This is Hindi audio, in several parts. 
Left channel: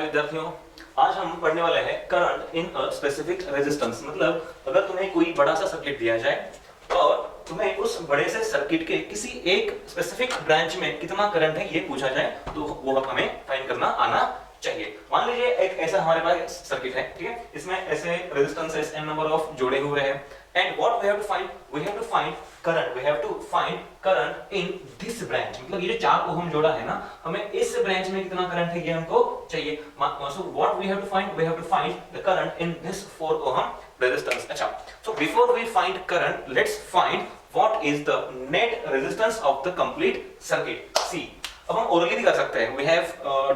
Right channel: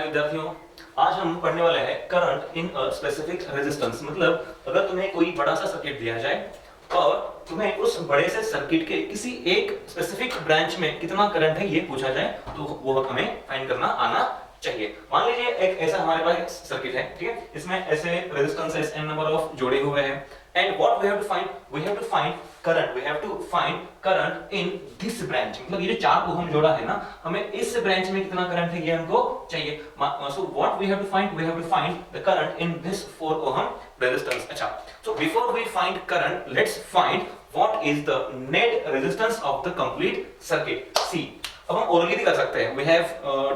प्यारे विद्यार्थियों, आज हम पढ़ने वाले हैं current in a specific resistance. मतलब अगर तुम्हें कोई बड़ा सा सर्किट दिया जाए और तुम्हें उस बड़े से सर्किट के किसी एक स्पेसिफिक ब्रांच में कितना करंट है ये पूछा जाए तो वो हमें फाइंड करना आना चाहिए। मान लीजिए एक ऐसा हमारे पास एक सर्किट है, ठीक है, इसमें ऐसे रेजिस्टेंसेस एन नंबर ऑफ जोड़े हुए हैं and what we have to find, we have to find current, we have to find current in this branch. मतलब ये जो 4 ओम जोड़ा है ना, हमें इस ब्रांच में कितना करंट है ये हमको चाहिए। So what we have to find, we have to find the current in this 4 ohm resistance. अच्छा, so before we find current, let's find what is the net resistance of the complete circuit. See, अब हम ओरली भी कर सकते हैं, we have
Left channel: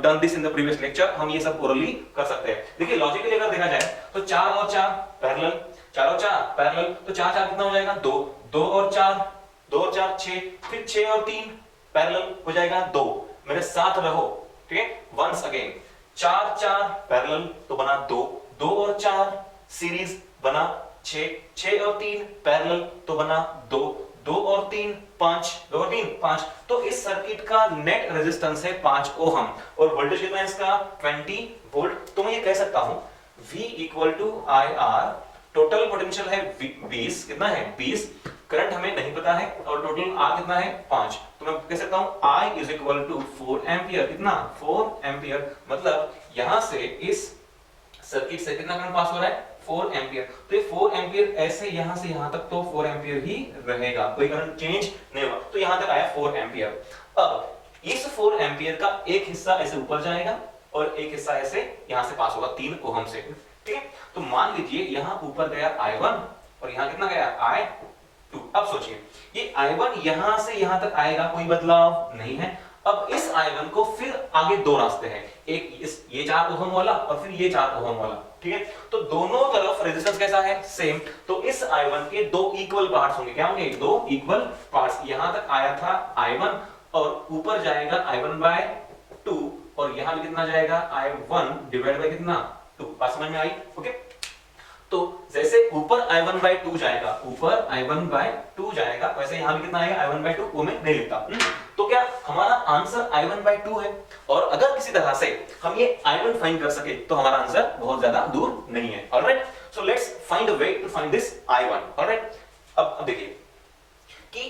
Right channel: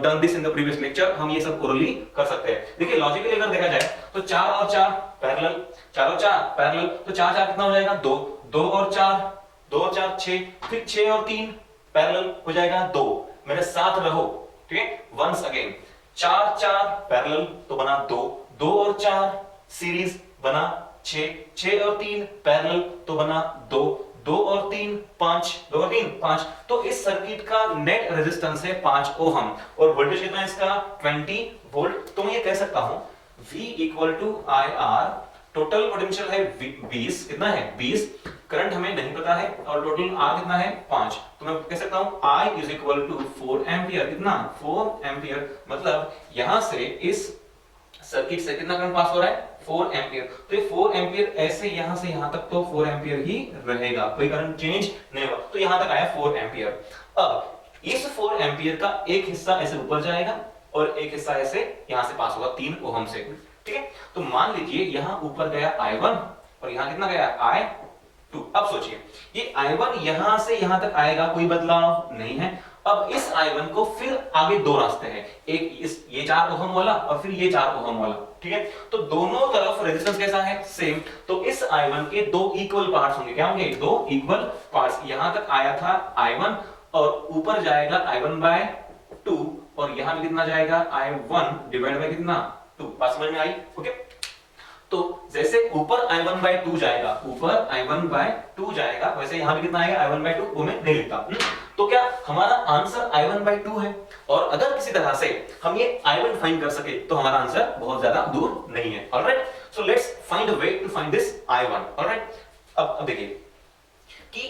done this in the previous lecture, हम ये सब ओरली कर सकते हैं। देखिए लॉजिकली अगर देखा जाए तो 4 और 4 पैरेलल, 4 और 4 पैरेलल, तो 4 4 कितना हो जाएगा 2, 2 और 4, 2 और 4 6, फिर 6 और 3 पैरेलल हो जाएगा 2। मेरे साथ रहो, ठीक है, वंस अगेन 4 4 पैरेलल तो बना 2, 2 और 4 सीरीज बना 6, 6 और 3 पैरेलल तो बना 2, 2 और 3 5, 2 और 3 5। तो इस सर्किट का नेट रेजिस्टेंस है 5 ओहम और वोल्टेज कितना है इसका 20 वोल्ट। तो मैं ये कह सकता हूं V equal to I R, total potential है 20, कितना है 20, करंट हमें नहीं पता है और टोटल R कितना है 5। तो मैं कह सकता हूं I is equal to 4 ampere, कितना 4 एम्पियर। मतलब यहां से इस सर्किट से कितना करंट पास हो रहा है 4 एम्पियर। तो ये 4 एम्पियर ऐसे यहां से यहां तक तो 4 एम्पियर ही रहेगा, कोई करंट चेंज नहीं होगा। तो यहां तक आया 4 एम्पियर। अब इस 4 एम्पियर का एक हिस्सा ऐसे ऊपर जाएगा और एक हिस्सा ऐसे यहां से पास होगा 3 ओहम से, ठीक है। तो मान लीजिए यहां ऊपर गया I1 और यहां कितना गया I2। अब सोचिए ये I1 यहां से यहां तक आएगा, कोई बदलाव नहीं है। अब इस I1 को फिर आगे 2 रास्ते हैं, एक इस ये 4 ओहम वाला और फिर ये 4 ओहम वाला, ठीक है। तो दोनों तरफ रेजिस्टेंस कैसा है सेम। तो इस I1 के 2 इक्वल पार्ट्स होंगे, क्या होंगे 2 इक्वल पार्ट्स। यहां तक आया था I1 और ऊपर जाएगा I1/2 और यहां भी कितना जाएगा I1 डिवाइड बाय कितना 2। बात समझ में आई? ओके। तो जैसे ऊपर I1/2 जाएगा, ऊपर I1/2 जाएगा, वैसे यहां भी कितना आएगा I1/2, वो मैं नहीं लिखता। तो क्या हमारा आंसर I1/2 है। और अगर किसी तरह से हम ये I1 फाइंड कर सके तो हमारा आंसर बहुत ज्यादा दूर नहीं है। Alright, so let's find a way to find this I1। Alright, अब देखिए कि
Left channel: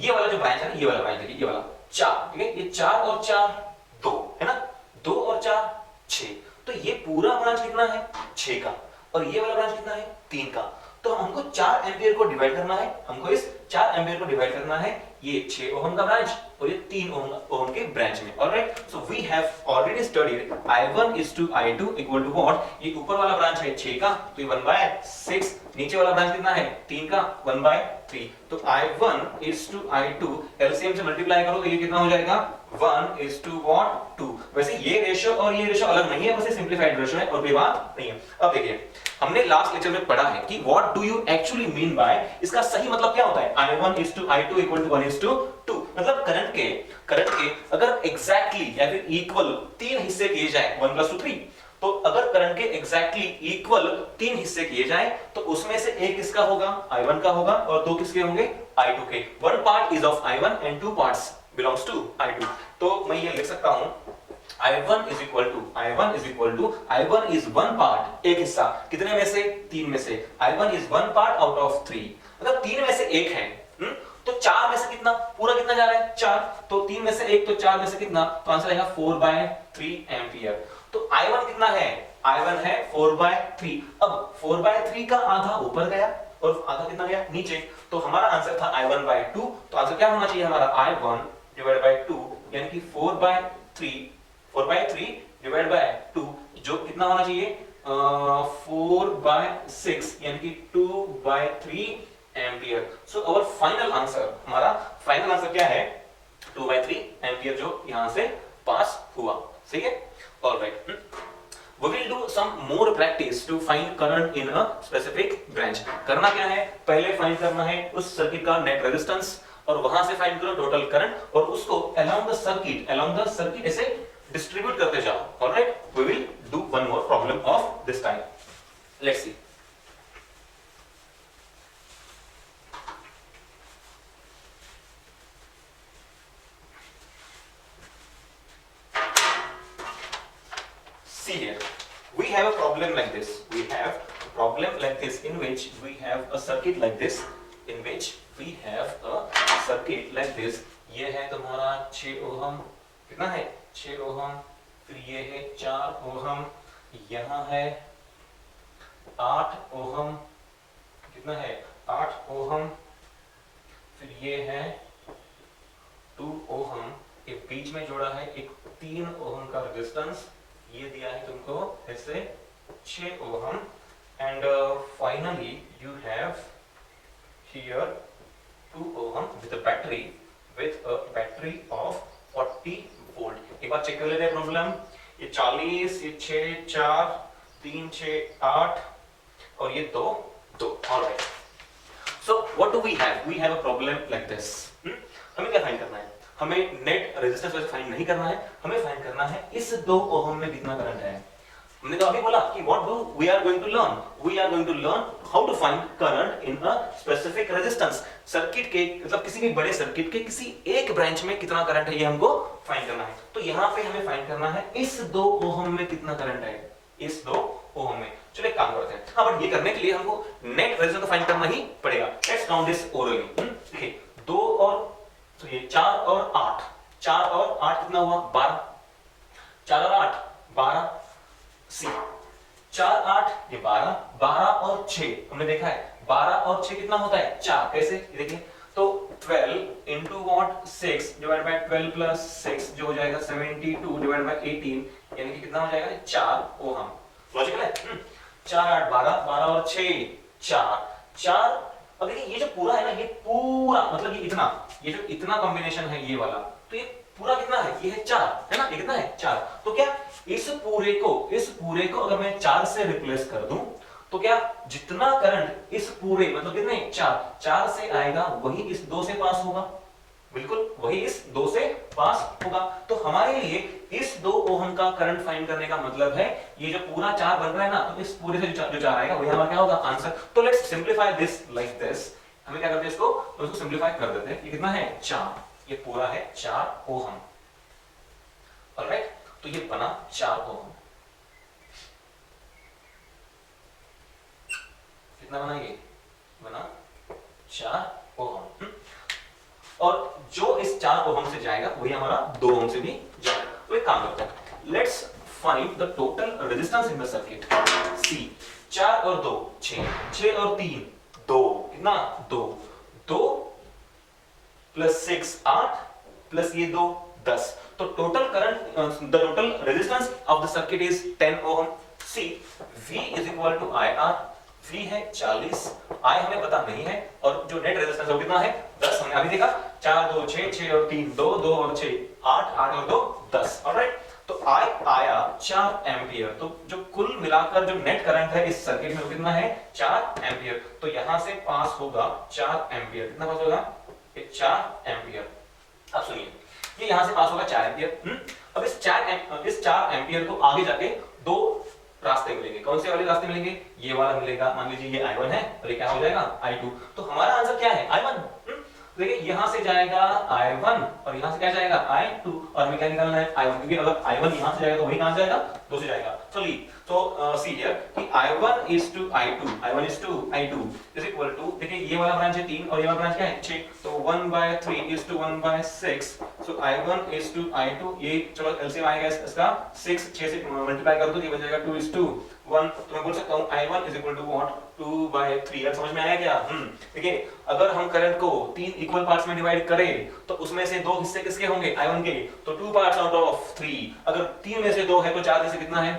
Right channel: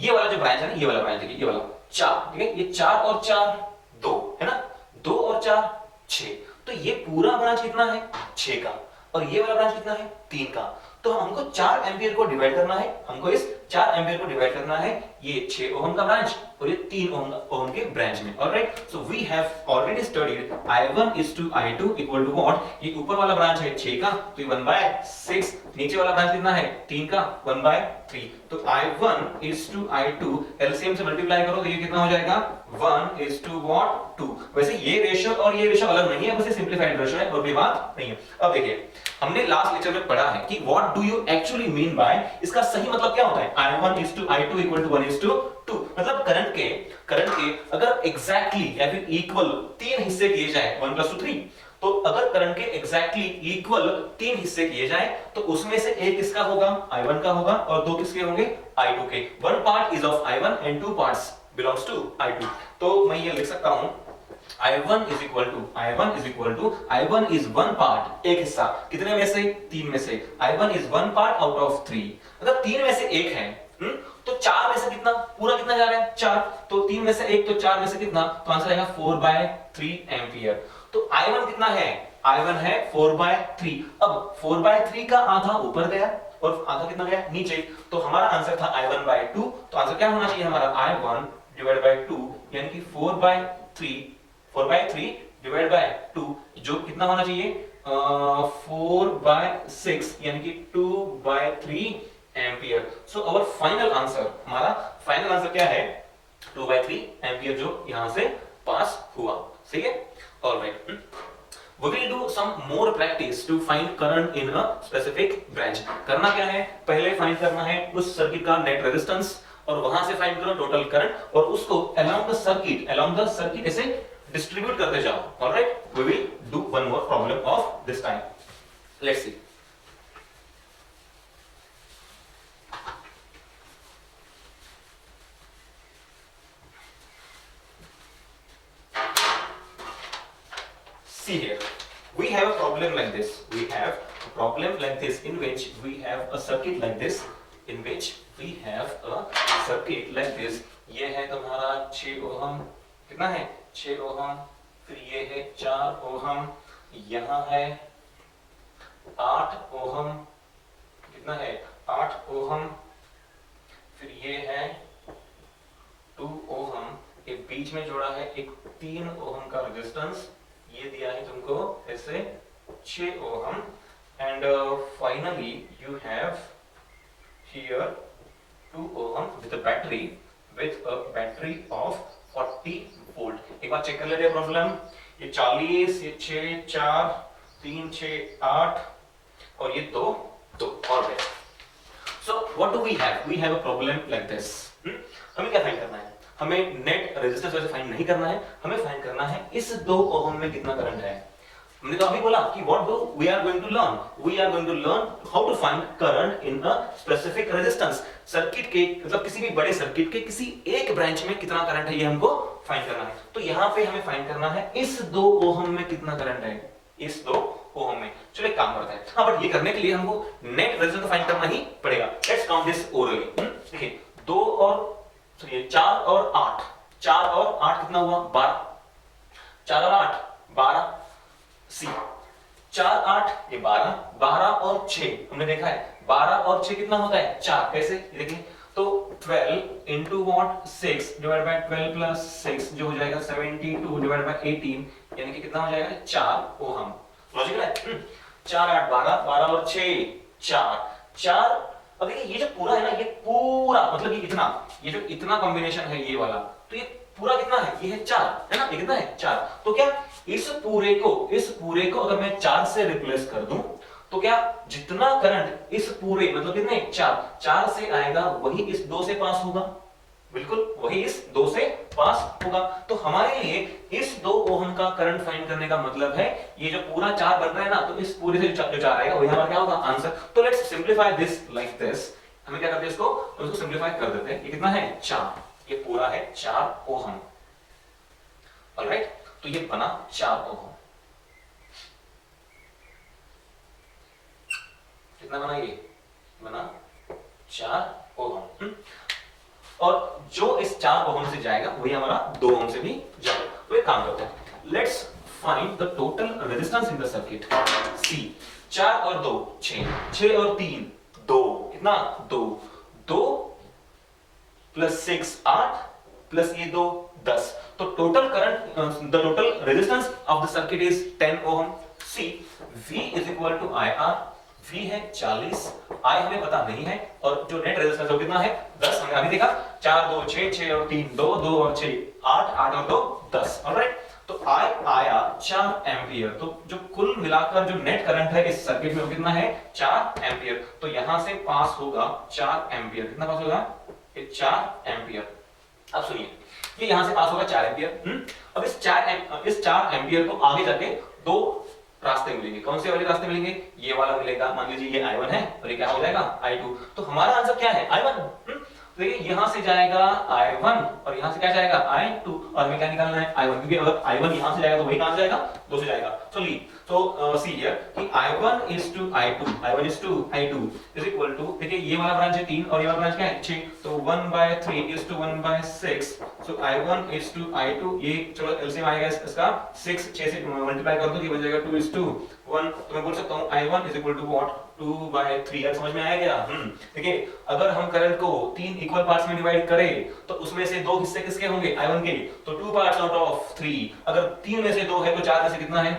ये वाला जो ब्रांच है ना, ये वाला ब्रांच है, ये वाला 4, ठीक है, ये 4 और 4 2 है ना, 2 और 4 6। तो ये पूरा ब्रांच कितना है 6 का और ये वाला ब्रांच कितना है 3 का। तो हमको 4 एम्पियर को डिवाइड करना है, हमको इस 4 एम्पियर को डिवाइड करना है ये 6 ओहम का ब्रांच और ये 3 ओहम के ब्रांच में। Alright, so we have already studied I1 is to I2 equal to what, ये ऊपर वाला ब्रांच है 6 का तो ये 1/6, नीचे वाला ब्रांच कितना है 3 का 1/3। तो I1 is to I2 LCM से मल्टीप्लाई करो तो ये कितना हो जाएगा 1 is to what 2। वैसे ये रेशियो और ये रेशियो अलग नहीं है, बस ये सिंपलीफाइड रेशियो है और कोई बात नहीं है। अब देखिए हमने लास्ट लेक्चर में पढ़ा है कि what do you actually mean by, इसका सही मतलब क्या होता है I1 is to I2 equal to 1 is to 2। मतलब करंट के अगर एग्जैक्टली या फिर इक्वल 3 हिस्से किए जाए 1 + 2 3, तो अगर करंट के एग्जैक्टली इक्वल 3 हिस्से किए जाए तो उसमें से एक किसका होगा I1 का होगा और 2 किसके होंगे I2 के। 1 part is of I1 and 2 parts belongs to I2। तो मैं ये लिख सकता हूं I1 is equal to I1 is 1 part, एक हिस्सा कितने में से 3 में से, I1 is 1 part out of 3। अगर 3 में से एक है तो 4 में से कितना, पूरा कितना जा रहा है 4, तो 3 में से एक तो 4 में से कितना, तो आंसर आएगा 4/3 एम्पियर। तो I1 कितना है, I1 है 4/3। अब 4/3 का आधा ऊपर गया और आधा कितना गया नीचे, तो हमारा आंसर था I1/2। तो आंसर क्या होना चाहिए हमारा I1 डिवाइड बाय 2 यानी कि 4/3 डिवाइड बाय 2 जो कितना होना चाहिए 4/6 यानी कि 2/3 ampere. So our final answer, हमारा फाइनल आंसर क्या है 2/3 एम्पियर जो यहां से पास हुआ। ठीक है, alright, we will do some more practice to find current in a specific branch। करना क्या है, पहले फाइंड करना है उस सर्किट का नेट रेजिस्टेंस और वहां से फाइंड करो टोटल करंट और उसको along the circuit ऐसे डिस्ट्रीब्यूट करते जाओ। Alright, we will do one more problem of this time। let's see। this. We have a problem like this in which we have a circuit like this, in which we have a circuit like this. ये है तुम्हारा 6 ओहम, कितना है 6 ओहम, फिर ये है 4 ओहम, यहाँ है 8 ओहम, कितना है 8 ओहम, फिर ये है 2 ओहम, एक बीच में जुड़ा है एक 3 ओहम का रेजिस्टेंस, ये दिया है तुमको ऐसे 6 ohm, and finally you have here 2 ohm with a battery of 40 volt. एक बार चेक कर लेते हैं प्रॉब्लम। ये 40, ये 6, 4, 3, 6, 8 और ये 2, 2। Alright, so what do we have? We have a problem like this. हमें क्या फाइंड करना है? हमें नेट रेजिस्टेंस वैसे फाइंड नहीं करना है, हमें फाइंड करना है इस 2 ओहम में कितना करंट है। हमने तो अभी बोला कि what do we are going to learn, we are going to learn how to find current in a specific resistance. Circuit के मतलब किसी भी बड़े सर्किट के किसी एक ब्रांच में कितना करंट है ये हमको फाइंड करना है। तो यहाँ पे हमें फाइंड करना है इस 2 ओहम में कितना करंट है, इस 2 ओहम में। चलो एक काम करते हैं, हाँ बट ये करने के लिए हमको नेट रेजिस्टेंस फाइंड करना ही पड़ेगा। Let's count this orally. देखिए 2 और तो ये 4 और 8, 4 और 8 कितना हुआ 12, 4 और 8 12, सी 4 8 ये 12, 12 और 6 हमने देखा है 12 और 6 कितना होता है 4। कैसे देखिए तो 12 into what 6 divide by 12 plus 6 जो हो जाएगा 72 डिवाइड बाय 18 यानी कि कितना हो जाएगा 4 ओहम। लॉजिकल है। 4 8 12, 12 और 6 4। अब देखिए ये जो पूरा है ना, ये पूरा मतलब ये जो इतना कॉम्बिनेशन है ये वाला, तो ये पूरा कितना है, ये है 4 है ना, ये कितना है 4। तो क्या इस पूरे को अगर मैं 4 से रिप्लेस कर दूं तो क्या जितना करंट इस पूरे मतलब कितने 4 से आएगा वही इस 2 से पास होगा, बिल्कुल वही इस 2 से पास होगा। तो हमारे लिए इस 2 ओहम का करंट फाइंड करने का मतलब है ये जो पूरा 4 बन रहा है ना, तो इस पूरे से जो 4 आएगा वही हमारा क्या होगा आंसर। तो let's simplify this like this. हमें क्या करते हैं इसको, तो इसको सिंपलीफाई कर देते हैं। ये कितना है 4, ये पूरा है 4 ओहम। ऑलराइट, तो ये बना 4 ओहम। कितना बना, ये बना 4 ओहम। और जो इस 4 ओहम से जाएगा वही हमारा 2 ओहम से भी जाएगा। तो एक काम करते हैं, let's find the total resistance in the circuit. See 4 और 2 6, 6 और 3 2, कितना 2 प्लस 6 8 प्लस ये 2 10। तो total current the total resistance of the circuit is 10 ohm. See V is equal to IR। V है 40, I हमें पता नहीं है, और जो नेट रेजिस्टेंस है कितना है 10। हमने अभी देखा 4 2 6, 6 और 3 2, 2 और 6 8, 8 और 2 10। ऑलराइट, तो I आया 4 एम्पियर। तो जो कुल मिलाकर जो नेट करंट है इस सर्किट में वो कितना है 4 एम्पियर। तो यहां से पास होगा 4 एम्पियर। कितना पास होगा, 4 एम्पियर। अब सुनिए, ये यहां से पास होगा 4 एम्पियर। अब इस 4 एम्पियर को आगे जाके 2 रास्ते मिलेंगे। कौन से वाले रास्ते मिलेंगे, ये वाला मिलेगा। मान लीजिए ये I1 है और ये क्या हो जाएगा I2। तो हमारा आंसर क्या है I1। देखिए यहां से जाएगा I1 और यहां से क्या जाएगा I2, और हमें क्या निकालना है I1, क्योंकि अगर I1 यहां से जाएगा तो वही कहां से जाएगा 2 से जाएगा। तो ली तो सी हियर कि I1 is to I2, I1 is to I2 is equal to, देखिए ये वाला ब्रांच है 3 और ये वाला ब्रांच क्या है 6, तो 1/3 is to 1/6। So I1 is to I2, ये चलो एलसीएम आएगा इसका 6 से मल्टीप्लाई कर दो, ये बन जाएगा 2 is to 1। तो मैं बोल सकता हूं I1 is equal to what 2/3। यार समझ में आया क्या? देखिए अगर हम करंट को 3 इक्वल पार्ट्स में डिवाइड करें तो उसमें से 2 हिस्से किसके होंगे I1 के, तो 2 पार्ट्स आउट ऑफ 3। अगर 3 में से 2 है तो 4 में से कितना है,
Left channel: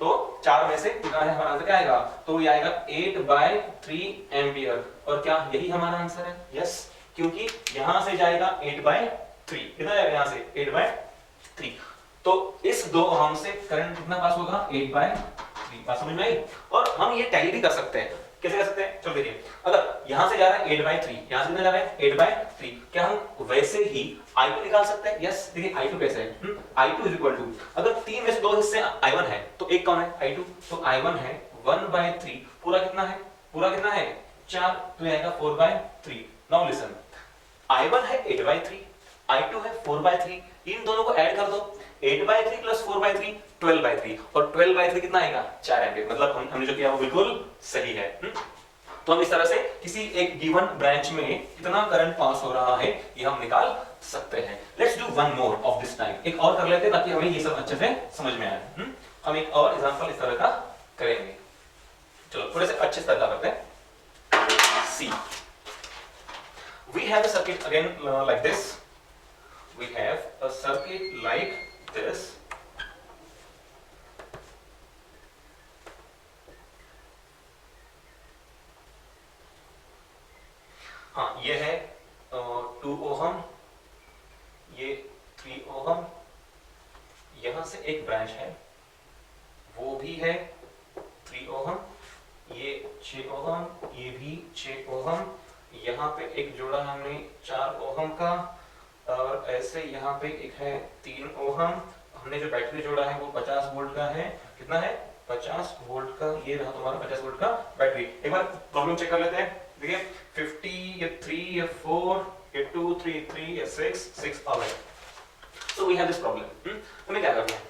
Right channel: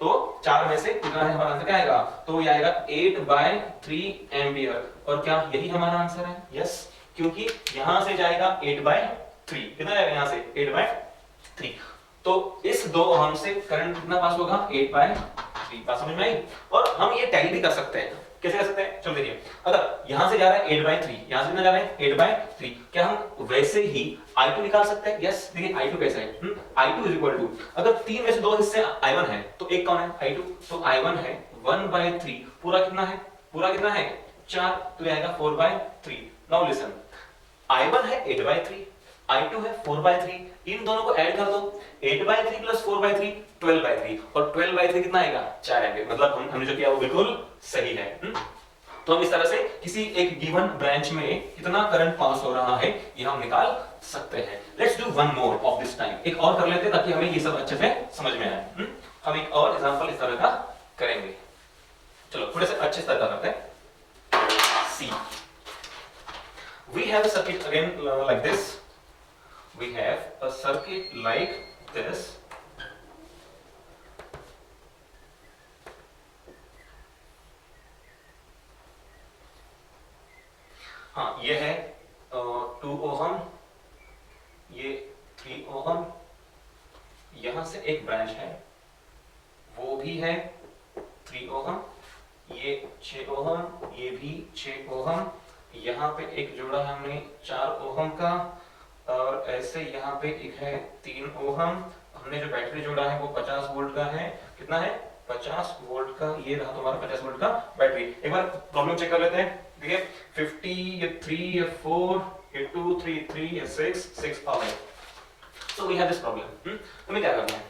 तो 4 में से कितना है, हमारा आंसर क्या आएगा, तो ये आएगा 8/3 एम्पियर। और क्या यही हमारा आंसर है? यस, क्योंकि यहां से जाएगा 8/3, कितना जाएगा यहां से 8/3। तो इस 2 ओहम से करंट कितना पास होगा 8/3। बात समझ में आई? और हम ये टैली भी कर सकते हैं। कैसे कर सकते हैं, चलो देखिए, अगर यहां से जा रहा है 8/3, यहां से कितना जा रहा है 8/3, क्या हम वैसे ही I2 निकाल सकते हैं? यस, देखिए I2 कैसे है, I2 इज इक्वल टू, अगर 3 में से 2 हिस्से I1 है तो एक कौन है I2, तो I1 है 1/3, पूरा कितना है, पूरा कितना है 4, तो आएगा 4/3। नाउ लिसन, I1 है 8/3, I2 है 4/3, इन दोनों को ऐड कर दो, 8/3 प्लस 4/3 12/3 और 12/3 कितना आएगा 4 एम्पीयर, मतलब हमने जो किया वो बिल्कुल सही है। तो हम इस तरह से किसी एक गिवन ब्रांच में कितना करंट पास हो रहा है ये हम निकाल सकते हैं। Let's do one more of this time, एक और कर लेते हैं ताकि हमें ये सब अच्छे से समझ में आए। हम एक और एग्जांपल इस तरह का करेंगे। चलो थोड़े से अच्छे से करते हैं। सी we have a circuit again like this, we have a circuit like this, हाँ ये है 2 ओहम, ये 3 ओहम, यहां से एक ब्रांच है वो भी है 3 ओहम, ये 6 ओहम, ये भी 6 ओहम, यहाँ पे एक जोड़ा है हमने 4 ओहम का, और ऐसे यहाँ पे एक है 3 ओहम। हमने जो बैटरी जोड़ा है वो 50 वोल्ट का है। कितना है 50 वोल्ट का, ये रहा तुम्हारा 50 वोल्ट का बैटरी। एक बार प्रॉब्लम चेक कर लेते हैं। देखिए 50 या 3 या 4 या 2 3 या 6 और so we have this problem. हमें क्या करना है,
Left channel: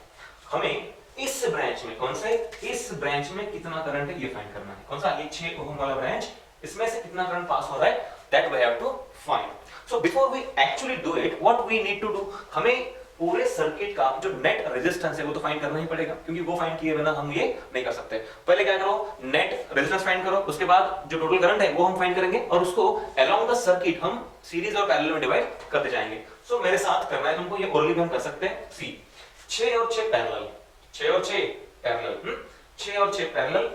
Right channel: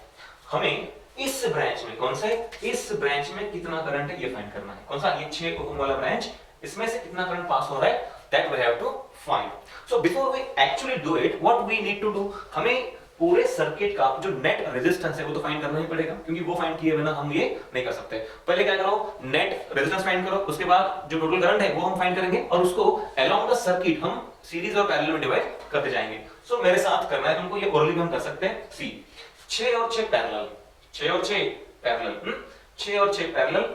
हमें इस ब्रांच में, कौन से, इस ब्रांच में कितना करंट है ये फाइंड करना है। कौन सा, ये 6 ओहम वाला ब्रांच, इसमें से कितना करंट पास हो रहा है that we have to find. So before we actually do it, what we need to do, हमें पूरे सर्किट का जो नेट रेजिस्टेंस है वो तो फाइंड करना ही पड़ेगा, क्योंकि वो फाइंड किए बिना हम ये नहीं कर सकते। पहले क्या करो, नेट रेजिस्टेंस फाइंड करो, उसके बाद जो टोटल करंट है वो हम फाइंड करेंगे और उसको अलोंग द सर्किट हम सीरीज और पैरेलल में डिवाइड करते जाएंगे। सो मेरे साथ करना है तुमको, ये ओरली हम कर सकते हैं। सी 6 और 6 पैरेलल, 6 और 6 पैरेलल, 6 और 6 पैरेलल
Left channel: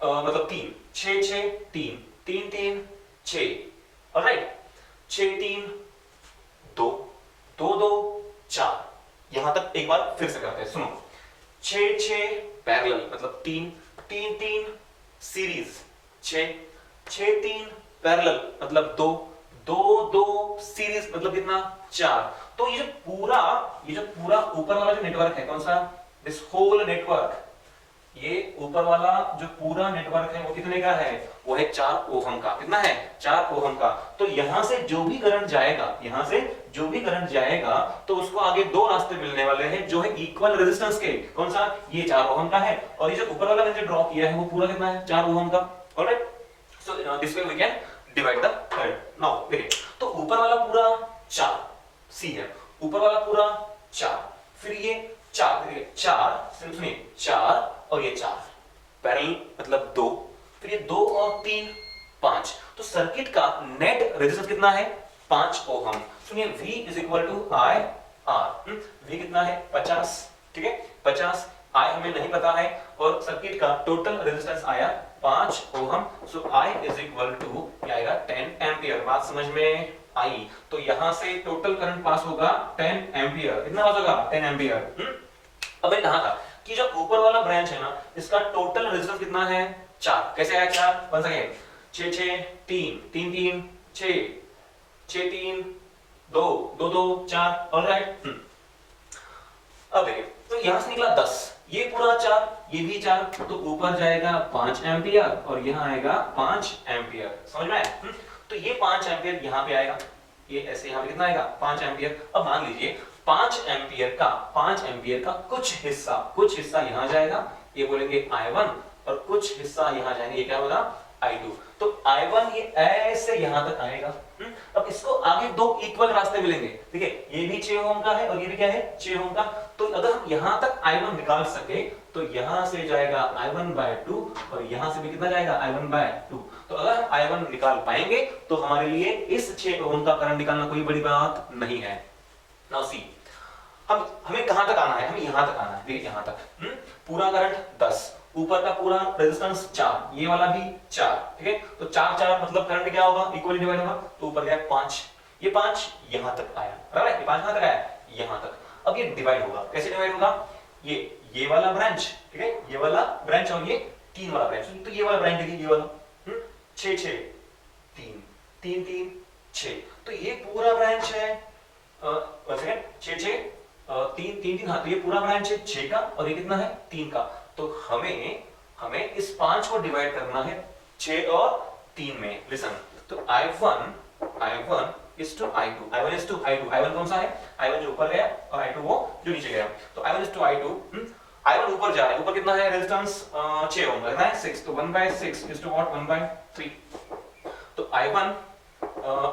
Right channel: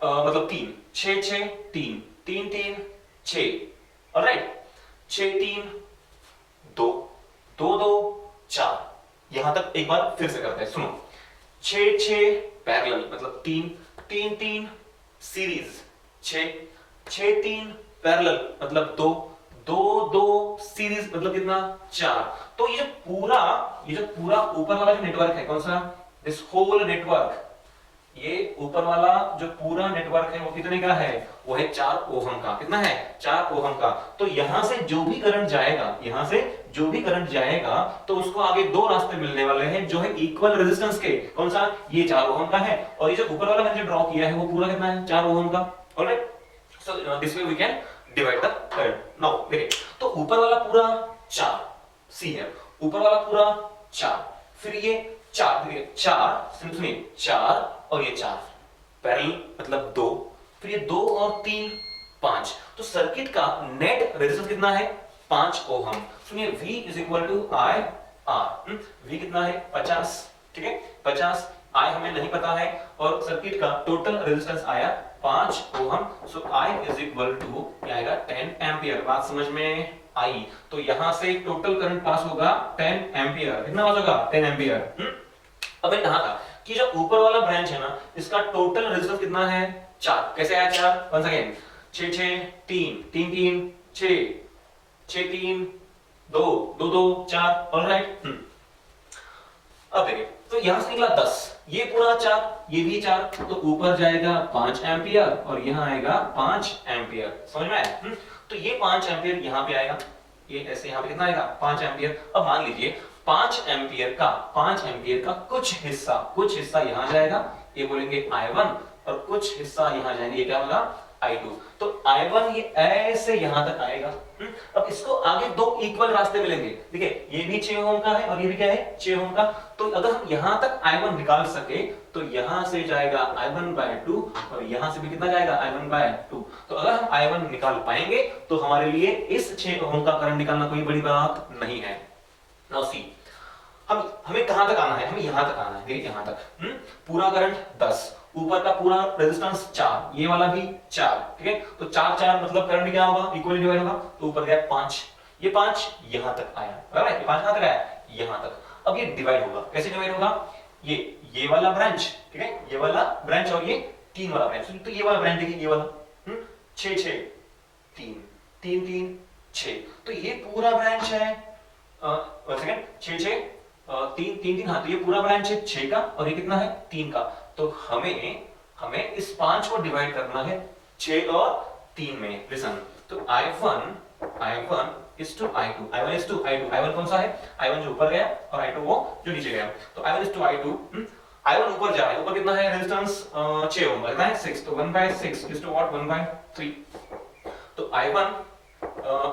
मतलब 3, 6 6 3 3 3 6, ऑलराइट, 6 3 2 2 2 4, यहां तक एक बार फिर से करते हैं, सुनो। 6 6 पैरेलल मतलब 3 3 3 सीरीज, 6 6 3 पैरेलल मतलब 2 2 2 सीरीज मतलब कितना 4। तो ये जो पूरा ऊपर वाला जो नेटवर्क है, कौन सा, दिस होल नेटवर्क, ये ऊपर वाला जो पूरा नेटवर्क है वो कितने का है, वो है 4 ओहम का। कितना है 4 ओहम का। तो यहां से जो भी करंट जाएगा, यहां से जो भी करंट जाएगा तो उसको आगे दो रास्ते मिलने वाले हैं जो है इक्वल रेजिस्टेंस के। कौन सा, ये 4 ओहम का है, और ये जो ऊपर वाला मैंने ड्रॉ किया है वो पूरा कितना है 4 ओहम का। Alright, so this way we can divide the current. Now देखिए, तो ऊपर वाला पूरा 4 सी है, ऊपर वाला पूरा 4, फिर ये 4, देखिए 4, सुनिए 4 और ये 4 पैरेलल मतलब 2, फिर ये 2 और 3 5। तो सर्किट का नेट रेजिस्टेंस कितना है 5 ओहम। सुनिए V is equal to I R। V कितना है 50, ठीक है 50, I हमें नहीं पता है, और सर्किट का टोटल रेजिस्टेंस आया 5 ohm. So I is equal to क्या आएगा 10 एम्पियर। बात समझ में आई? तो यहां से टोटल करंट पास होगा 10 एम्पियर। कितना पास होगा 10 एम्पियर। अब कहा था कि जो ऊपर वाला ब्रांच है ना, इसका टोटल रेजिस्टेंस कितना है 4। कैसे आया 4, वन सेकंड, 6 6 3 3 3 6 6 3 2 2 2 4, ऑलराइट। अब देखिए, तो यहां से निकला 10, ये पूरा 4, ये भी 4, तो ऊपर जाएगा 5 एम्पियर और यहां आएगा 5 एम्पियर। समझ में आया? तो ये 5 एम्पियर यहां पे आएगा, ये ऐसे यहां पे कितना आएगा 5 एम्पियर। अब मान लीजिए 5 एम्पियर का कुछ हिस्सा यहां जाएगा, ये बोलेंगे I1, और कुछ हिस्सा यहां जाएंगे, ये क्या होगा I2। तो I1 ये ऐसे यहां तक आएगा। अब इसको आगे दो इक्वल रास्ते मिलेंगे। देखिए ये भी 6 ओम का है और ये भी क्या है 6 ओम का। तो अगर हम यहां तक I1 निकाल सके तो यहां से जाएगा I1/2 और यहां से भी कितना जाएगा I1/2। तो अगर हम I1 निकाल पाएंगे तो हमारे लिए इस 6 ओम का करंट निकालना कोई बड़ी बात नहीं है। नाउ सी, हमें कहां तक आना है, हमें यहां तक आना है। देखिए यहां तक पूरा करंट 10, ऊपर का पूरा रेजिस्टेंस 4, ये वाला भी 4, ठीक है। तो 4 4 मतलब करंट क्या होगा इक्वली डिवाइड होगा, तो ऊपर गया 5, ये 5 यहां तक आया, बराबर है। ये 5 कहां तक आया, यहां तक। अब ये डिवाइड होगा, कैसे डिवाइड होगा, ये वाला ब्रांच, ठीक है, ये वाला ब्रांच और ये 3 वाला ब्रांच। तो ये वाला ब्रांच देखिए, ये वाला 6 6 3 3 3 6, तो ये पूरा ब्रांच है 6 6 3 3 3, हाँ तो ये पूरा ब्रांच है 6 का और ये कितना है 3 का। तो हमें इस 5 को डिवाइड करना है 6 और 3 में। लिसन, तो I1 is to I2, I1 is to I2, I1 कौन सा है, I1 जो ऊपर गया और I2 वो जो नीचे गया। तो I1 is to I2, I1 ऊपर जा रहा है, ऊपर कितना है रेजिस्टेंस 6 ओम, कितना है 6, तो 1/6 इज टू व्हाट 1/3, तो I1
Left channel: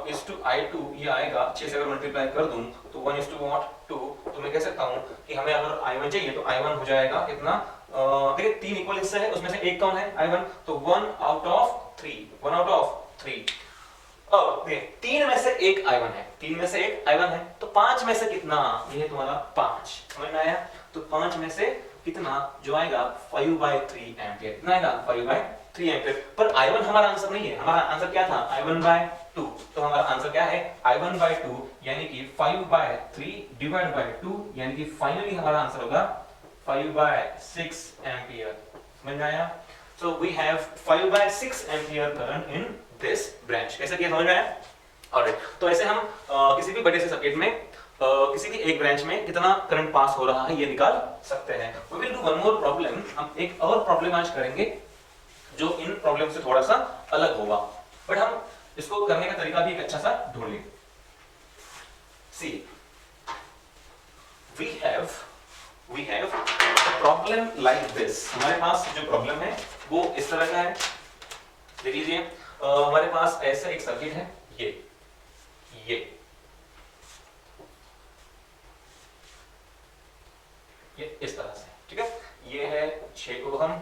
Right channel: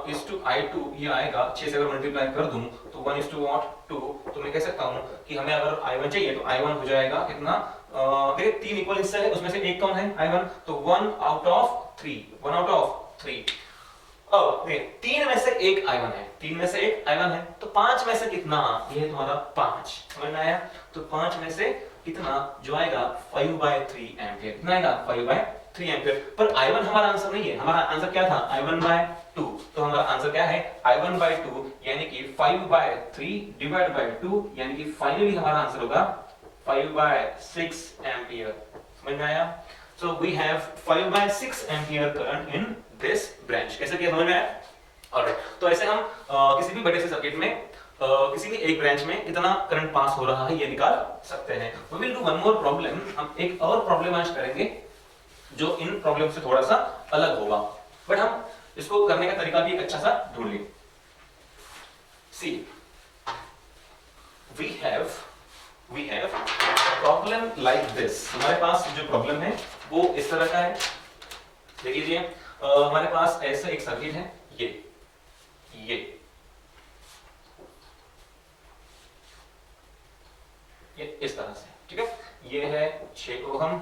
इज टू I2 ये आएगा 6 से अगर मल्टीप्लाई कर दूं तो 1 इज टू व्हाट 2, तो मैं कह सकता हूं कि हमें अगर I1 चाहिए तो I1 हो जाएगा कितना, देखिए 3 इक्वल हिस्सा है, उसमें से एक कौन है I1, तो 1 आउट ऑफ 3, अब देखिए 3 में से एक I1 है, 3 में से एक I1 है, तो 5 में से कितना, ये है तुम्हारा 5, समझ में आया, तो 5 में से कितना जो आएगा 5/3 एम्पियर, कितना आएगा 5/3 एम्पियर, पर I1 हमारा आंसर नहीं है, हमारा आंसर क्या था I1/2, तो हमारा आंसर क्या है I1/2 यानी कि 5/3 डिवाइड बाय 2, यानी कि फाइनली हमारा आंसर होगा 5/6 एम्पियर, समझ में आया। So we have 5/6 ampere current in this branch, कैसे किया समझ में आया। ऑलराइट, तो ऐसे हम किसी भी बड़े से सर्किट में किसी भी एक ब्रांच में कितना करंट पास हो रहा है ये निकाल सकते हैं। We will do one more problem, हम एक और प्रॉब्लम आज करेंगे जो इन प्रॉब्लम से थोड़ा सा अलग होगा, बट हम इसको करने का तरीका भी एक अच्छा सा ढूंढ लेंगे। See, we have a problem like this, हमारे पास जो प्रॉब्लम है वो इस तरह का है, देख लीजिए, हमारे पास ऐसे एक सर्किट है, ये इस तरह से, ठीक है, ये है 6 ओहम,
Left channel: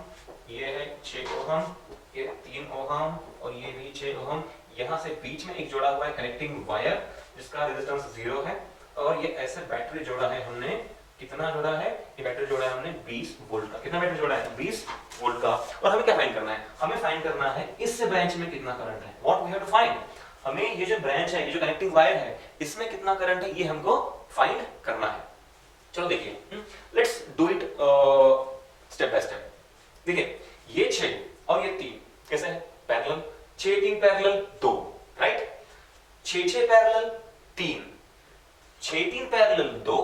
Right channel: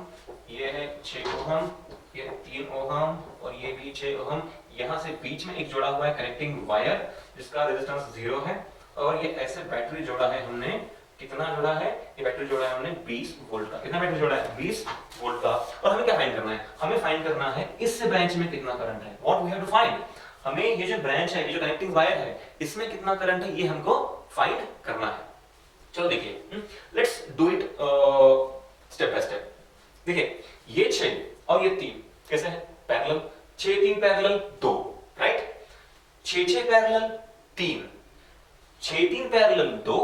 ये है 6 ओहम, ये 3 ओहम और ये भी 6 ओहम, यहाँ से बीच में एक जोड़ा हुआ है कनेक्टिंग वायर जिसका रेजिस्टेंस 0 है, और ये ऐसे बैटरी जोड़ा है हमने, कितना जोड़ा है, ये बैटरी जोड़ा है हमने 20 वोल्ट का, कितना बैटरी जोड़ा है 20 वोल्ट का, और हमें क्या फाइंड करना है, हमें फाइंड करना है इस ब्रांच में कितना करंट है, what we have to find, हमें ये जो ब्रांच है, ये जो कनेक्टिंग वायर है, इसमें कितना करंट है ये हमको फाइंड करना है। चलो देखिए, let's do it step by step. देखिए ये 6 और ये 3 कैसे है parallel, 6 3 parallel 2, right, 6 6 parallel 3, 6 3 parallel 2,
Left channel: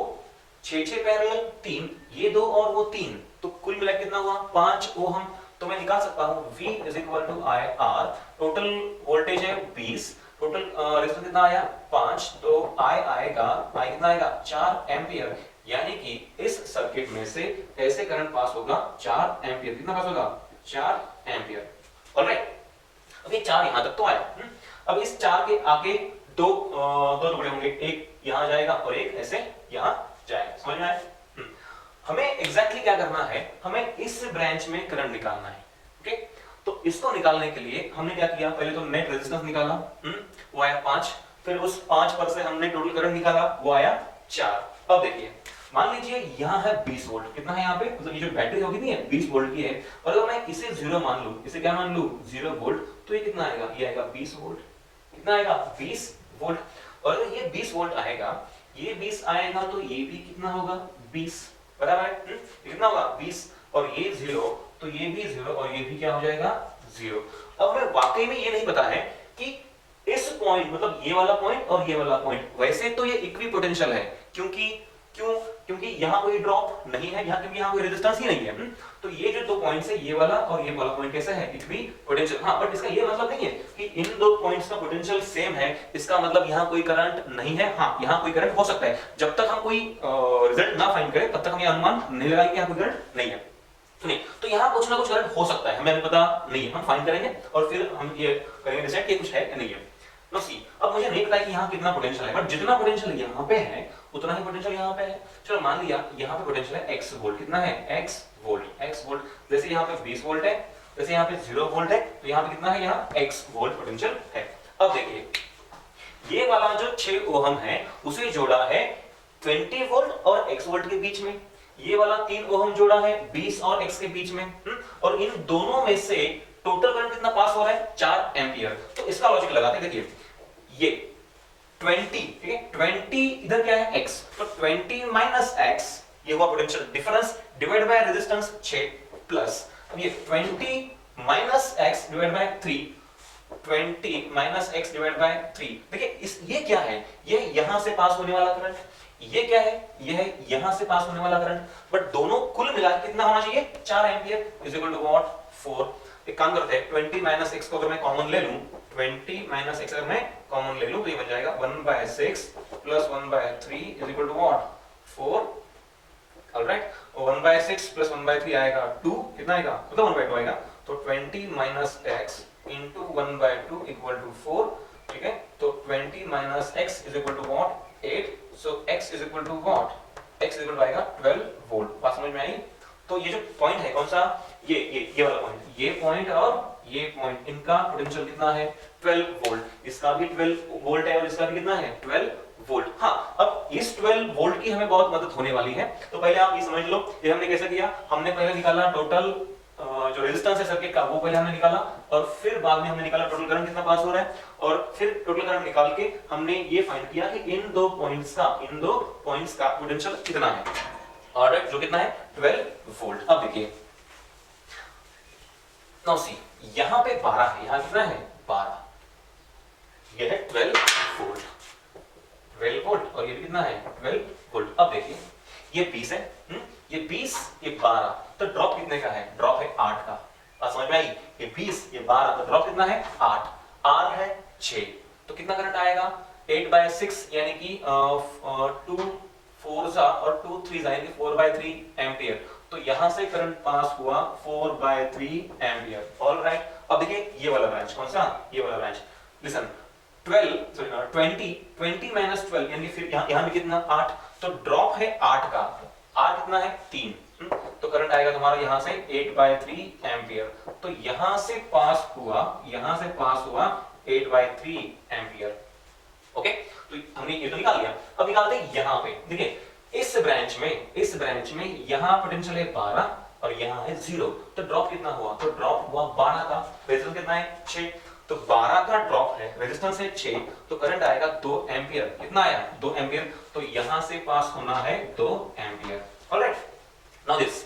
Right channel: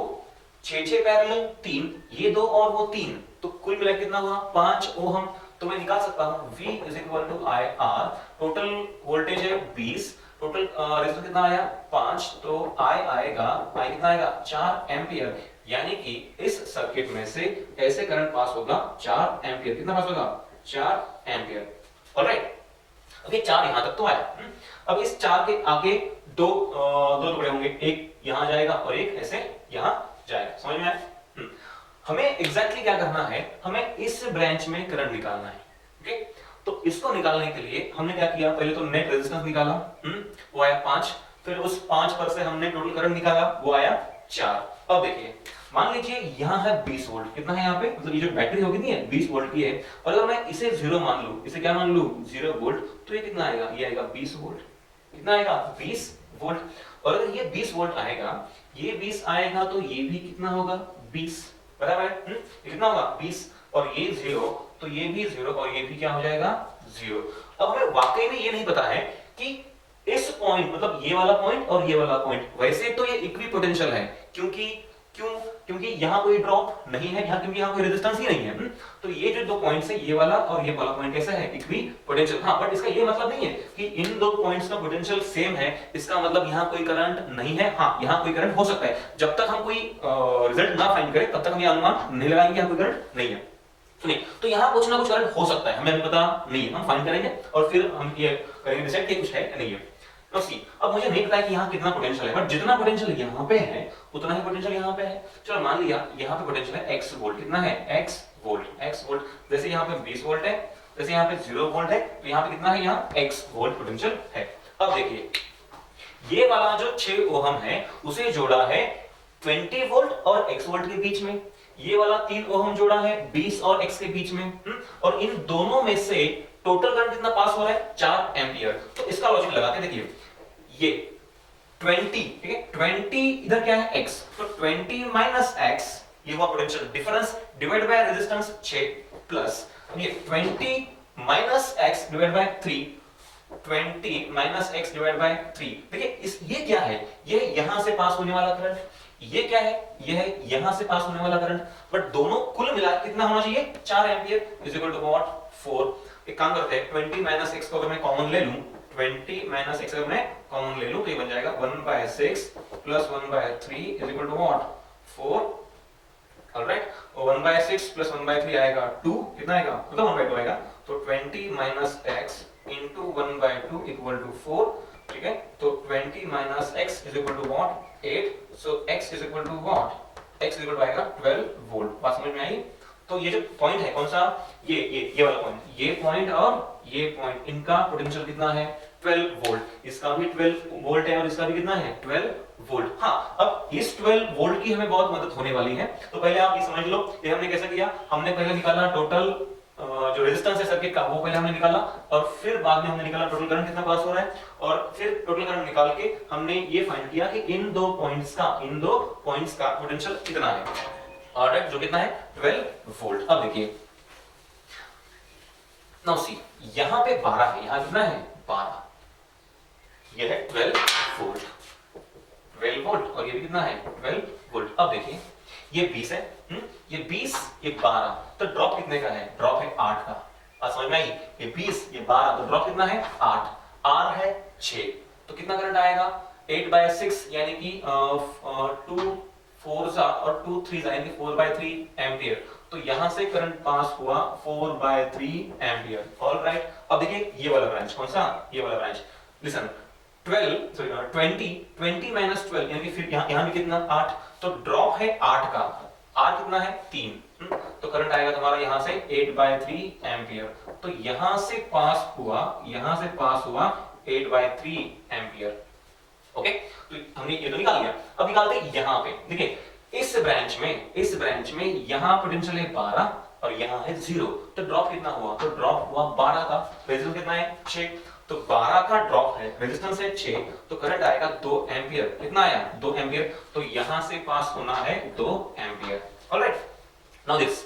6 6 parallel 3, ये 2 और वो 3, तो कुल मिला कितना हुआ 5 ओहम, तो मैं निकाल सकता हूं V is equal to I R, total voltage है 20, टोटल रेजिस्टेंस कितना आया 5, तो I आएगा, I कितना आएगा 4 एम्पियर, यानी कि इस सर्किट में से ऐसे करंट पास होगा 4 एम्पियर, कितना पास होगा 4 एम्पियर, ऑलराइट। अब ये 4 यहां तक तो आया, अब इस 4 के आगे दो टुकड़े होंगे, एक यहां जाएगा और एक ऐसे यहां जाएगा, समझ में आया। हमें एग्जैक्टली क्या करना है, हमें इस ब्रांच में करंट निकालना है, ओके, तो इसको निकालने के लिए हमने क्या किया, पहले तो नेट रेजिस्टेंस निकाला, वो आया 5, फिर उस 5 पर से हमने टोटल करंट निकाला, वो आया 4। अब देखिए मान लीजिए यहाँ है 20 वोल्ट, कितना है यहाँ पे, मतलब ये जो बैटरी होगी नहीं है 20 वोल्ट की है, और अगर मैं इसे 0 मान लूं, इसे क्या मान लूं 0 वोल्ट, तो ये कितना आएगा, ये आएगा 20 वोल्ट, कितना आएगा 20 वोल्ट, और अगर ये 20 वोल्ट आएगा, ये 20 आएगा, तो ये भी कितना होगा 20, बराबर है, कितना होगा 20, और ये 0, तो ये भी 0 और ये भी क्या हो जाएगा 0। अब हमें वाकई में ये नहीं पता है कि इस पॉइंट, मतलब ये वाला पॉइंट और ये वाला पॉइंट, वैसे तो ये इक्विपोटेंशियल है, क्योंकि यहाँ कोई ड्रॉप नहीं है, यहाँ क्योंकि यहाँ कोई रेजिस्टेंस ही नहीं है, तो ये जो दो पॉइंट्स है, ये वाला और ये वाला पॉइंट कैसा है इक्विपोटेंशियल, हाँ, बट इसका ये मतलब नहीं है कि इन दो पॉइंट्स का पोटेंशियल सेम है, इसका मतलब यहाँ कोई करंट नहीं है, हाँ यहाँ कोई करंट हो सकता है, जब तक हम कोई रिजल्ट ना फाइंड करें तब तक हम ये अनुमान नहीं लगाएंगे यहाँ कोई करंट नहीं है, सुनिए, तो यहाँ कुछ ना कुछ करंट हो सकता है, हमें अभी पता नहीं है, हम फाइंड करेंगे और फिर हम ये करेंगे डिसाइड कि कुछ है या नहीं है। नो सी, अब मुझे नहीं पता है कि यहाँ कितना पोटेंशियल है, बट जितना पोटेंशियल यहाँ पे है उतना ही पोटेंशियल यहाँ पे है। चलो मान लिया यहाँ पे पोटेंशियल है x वोल्ट, कितना है x वोल्ट, जैसे यहाँ पे 20 वोल्ट है, जैसे यहाँ पे 0 वोल्ट है, तो यहाँ पे कितना है, यहाँ x वोल्ट पोटेंशियल है। अब देखिए ये वाला जो 6 ओहम है उसे जोड़ा है 20 वोल्ट और x वोल्ट के बीच में, ये वाला 3 ओहम जोड़ा है 20 और x के बीच में, और इन दोनों में से टोटल करंट कितना पास हो रहा है 4 एम्पियर। तो इसका लॉजिक लगाते हैं, देखिए ये 20, ठीक है, 20 इधर क्या है x, तो 20 माइनस x, ये हुआ potential difference divide by resistance 6 plus ये 20 minus x divide by 3, 20 minus x divide by 3। देखिए इस ये क्या है, ये यहां से पास होने वाला करंट, ये क्या है, ये है यहां से पास होने वाला करंट, बट दोनों कुल मिलाकर कितना होना चाहिए 4 ampere is equal to what 4। एक काम करते हैं 20 माइनस x को अगर मैं कॉमन ले लूं, 20 माइनस x अगर मैं कॉमन ले लूं तो ये बन जाएगा 1/6 plus 1/3 is equal to what 4। Alright, 1/6 plus 1/3 आएगा 2, कितना आएगा, मतलब 1/2 आएगा, तो 20 minus x into 1/2 equal to 4, ठीक है, तो 20 minus x is equal to what, 8, so x is equal to what, x is equal to आएगा 12 वोल्ट। बात समझ में आई? तो ये जो पॉइंट है कौन सा, ये वाला पॉइंट, ये पॉइंट और ये पॉइंट, इनका पोटेंशियल कितना है, 12 वोल्ट, इसका भी 12 वोल्ट है और इसका भी कितना है, 12 वोल्ट। हाँ, अब इस 12 वोल्ट की हमें बहुत मदद होने वाली है। तो पहले आप ये समझ लो, ये हमने कैसे किया, हमने पहले निकाला टोटल जो रेजिस्टेंस है सर्किट का, वो पहले हमने निकाला, और फिर बाद में हमने निकाला टोटल करंट कितना पास हो रहा है, और फिर टोटल करंट निकाल के हमने ये फाइंड किया कि इन दो पॉइंट्स का पोटेंशियल कितना है, ऑलराइट, जो कितना है, 12 वोल्ट। अब देखिए, नाउ सी, यहां पे 12 है, यहां कितना है, 12, ये है 12 वोल्ट, 12 वोल्ट, और ये कितना है, 12 वोल्ट। अब देखिए, ये 20 है, ये 20, ये 12, तो ड्रॉप कितने का है, ड्रॉप है 8 का। बात समझ में आई? ये 20, ये 12, तो ड्रॉप कितना है, 8, R है 6, तो कितना करंट आएगा, 8/6 यानी कि 2 4 और 2 3 यानी कि 4/3 एम्पियर। तो यहां से करंट पास हुआ 4/3 एम्पियर, ऑलराइट। अब देखिए ये वाला ब्रांच, कौन सा, ये वाला ब्रांच, लिसन, 20 माइनस 12 यानी फिर यहां भी कितना, 8, तो ड्रॉप है 8 का, R कितना है, 3, तो करंट आएगा तुम्हारा यहां से 8/3 एम्पियर। तो यहां से पास हुआ 8/3 एम्पियर, ओके। तो हमने ये तो निकाल लिया। अब निकालते हैं यहां पे, देखिए इस ब्रांच में यहां पोटेंशियल है 12 और यहां है 0, तो ड्रॉप कितना हुआ, तो ड्रॉप हुआ 12 का, रेजिस्टेंस कितना है, 6, तो 12 का ड्रॉप है, रेजिस्टेंस है 6, तो करंट आएगा 2 एम्पियर, कितना आया, 2 एम्पियर, तो यहां से पास होना है 2 एम्पियर, ऑलराइट। नाउ दिस,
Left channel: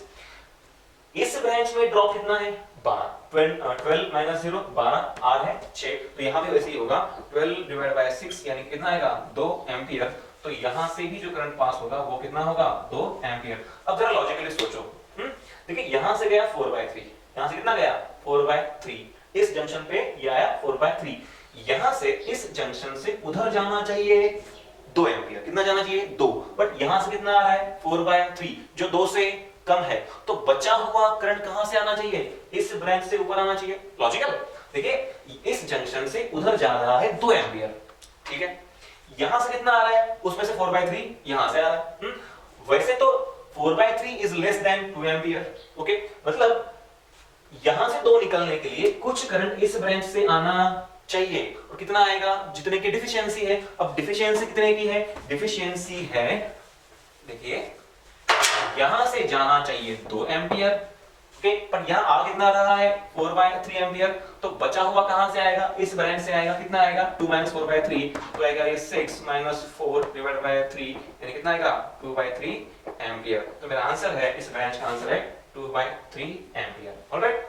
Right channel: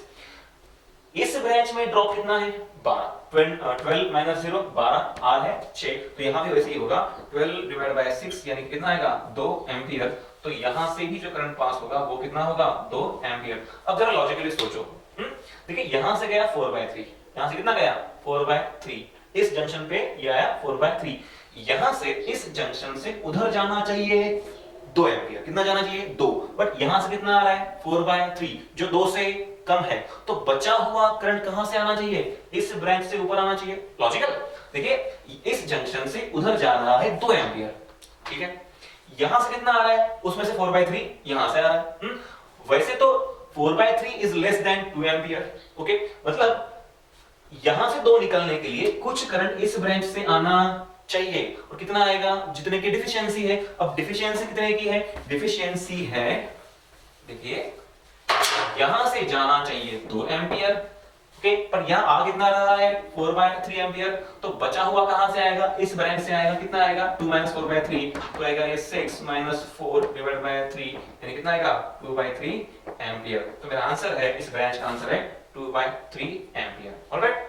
इस ब्रांच में ड्रॉप कितना है, 12, 12 माइनस 0 12, R है 6, तो यहां भी वैसे ही होगा, 12 डिवाइडेड बाय 6 यानी कि कितना आएगा, 2 एम्पियर, तो यहां से भी जो करंट पास होगा वो कितना होगा, 2 एम्पियर। अब जरा लॉजिकली सोचो, देखिए यहां से गया 4/3, यहां से कितना गया, 4/3, इस जंक्शन पे ये आया 4/3, यहां से इस जंक्शन से उधर जाना चाहिए 2 एम्पियर, कितना जाना चाहिए, 2, बट यहां से कितना आ रहा है, 4/3, जो 2 से कम है, तो बचा हुआ करंट कहां से आना चाहिए, इस ब्रांच से ऊपर आना चाहिए, लॉजिकल। देखिए इस जंक्शन से उधर जा रहा है 2 एम्पियर, ठीक है, यहां से कितना आ रहा है, उसमें से 4/3 यहां से आ रहा है, वैसे तो 4/3 is less than 2 ampere, okay, मतलब यहां से 2 निकलने के लिए कुछ करंट इस ब्रांच से आना चाहिए, और कितना आएगा, जितने की डिफिशियंसी है। अब डिफिशियंसी कितने की है, डिफिशियंसी है, देखिए यहां से जाना चाहिए 2 एम्पियर, ओके, पर यहां आ कितना रहा है, 4/3 एम्पियर, तो बचा हुआ कहां से आएगा, इस ब्रांच से आएगा, कितना आएगा, 2 माइनस 4/3, तो आएगा ये 6 माइनस 4 डिवाइडेड बाय 3 यानी कितना आएगा, 2/3 एम्पियर। तो मेरा आंसर है, इस ब्रांच का आंसर है 2/3 एम्पियर, ऑलराइट।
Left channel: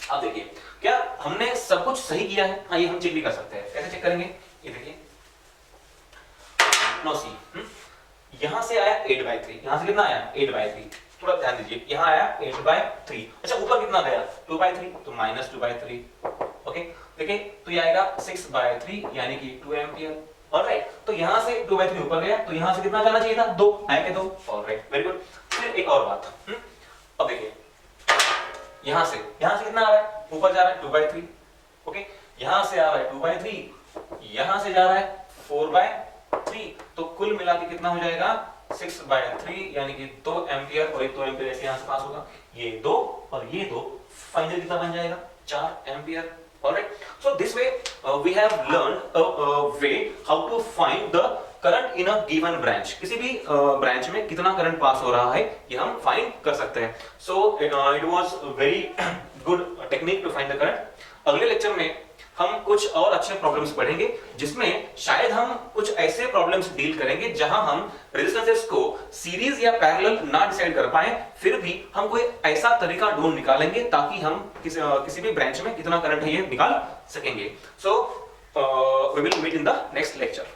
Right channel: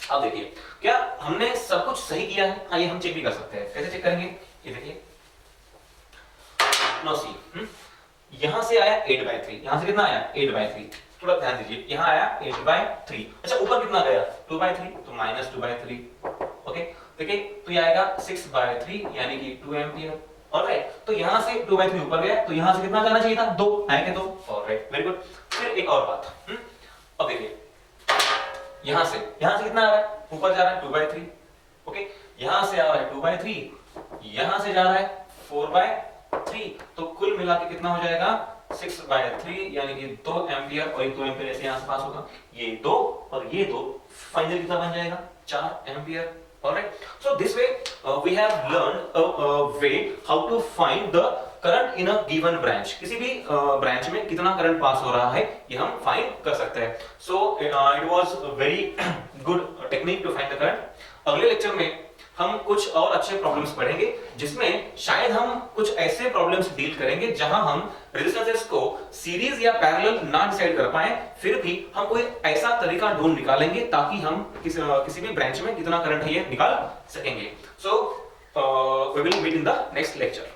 अब देखिए क्या हमने सब कुछ सही किया है, हाँ ये हम चेक भी कर सकते हैं, कैसे चेक करेंगे, ये देखिए, नो सी, यहां से आया 8/3, यहां से कितना आया, 8/3, थोड़ा ध्यान दीजिए, यहां आया 8/3, अच्छा ऊपर कितना गया, 2/3, तो माइनस 2/3, ओके, देखिए तो ये आएगा 6/3 यानी कि 2 एम्पियर, ऑलराइट। तो यहां से 2/3 ऊपर गया, तो यहां से कितना करना चाहिए था, 2 आएगा, तो ऑलराइट, वेरी गुड। फिर एक और बात, अब देखिए यहां से कितना आ रहा है, ऊपर जा रहा है 2/3, ओके, यहां से आ रहा है 2/3, यहां से जा रहा है 4/3, तो कुल मिला के कितना हो जाएगा, 6/3 यानी कि 2 एम्पियर, और एक 2 एम्पियर ऐसे यहां से पास होगा, ये 2 और ये 2, फाइनली कितना बन जाएगा, 4 ampere, alright. So this way we have learned a way how to find the current in a given branch, किसी भी ब्रांच में कितना करंट पास हो रहा है ये हम फाइंड कर सकते हैं। So it was very good technique to find the current. अगले लेक्चर में हम कुछ और अच्छे प्रॉब्लम्स पढ़ेंगे, जिसमें शायद हम कुछ ऐसे प्रॉब्लम्स डील करेंगे जहां हम रेजिस्टेंसेस को सीरीज या पैरेलल ना डिसाइड कर पाए, फिर भी हम कोई ऐसा तरीका ढूंढ निकालेंगे ताकि हम किसी भी ब्रांच में कितना करंट है ये निकाल सकेंगे। So we will meet in the next lecture.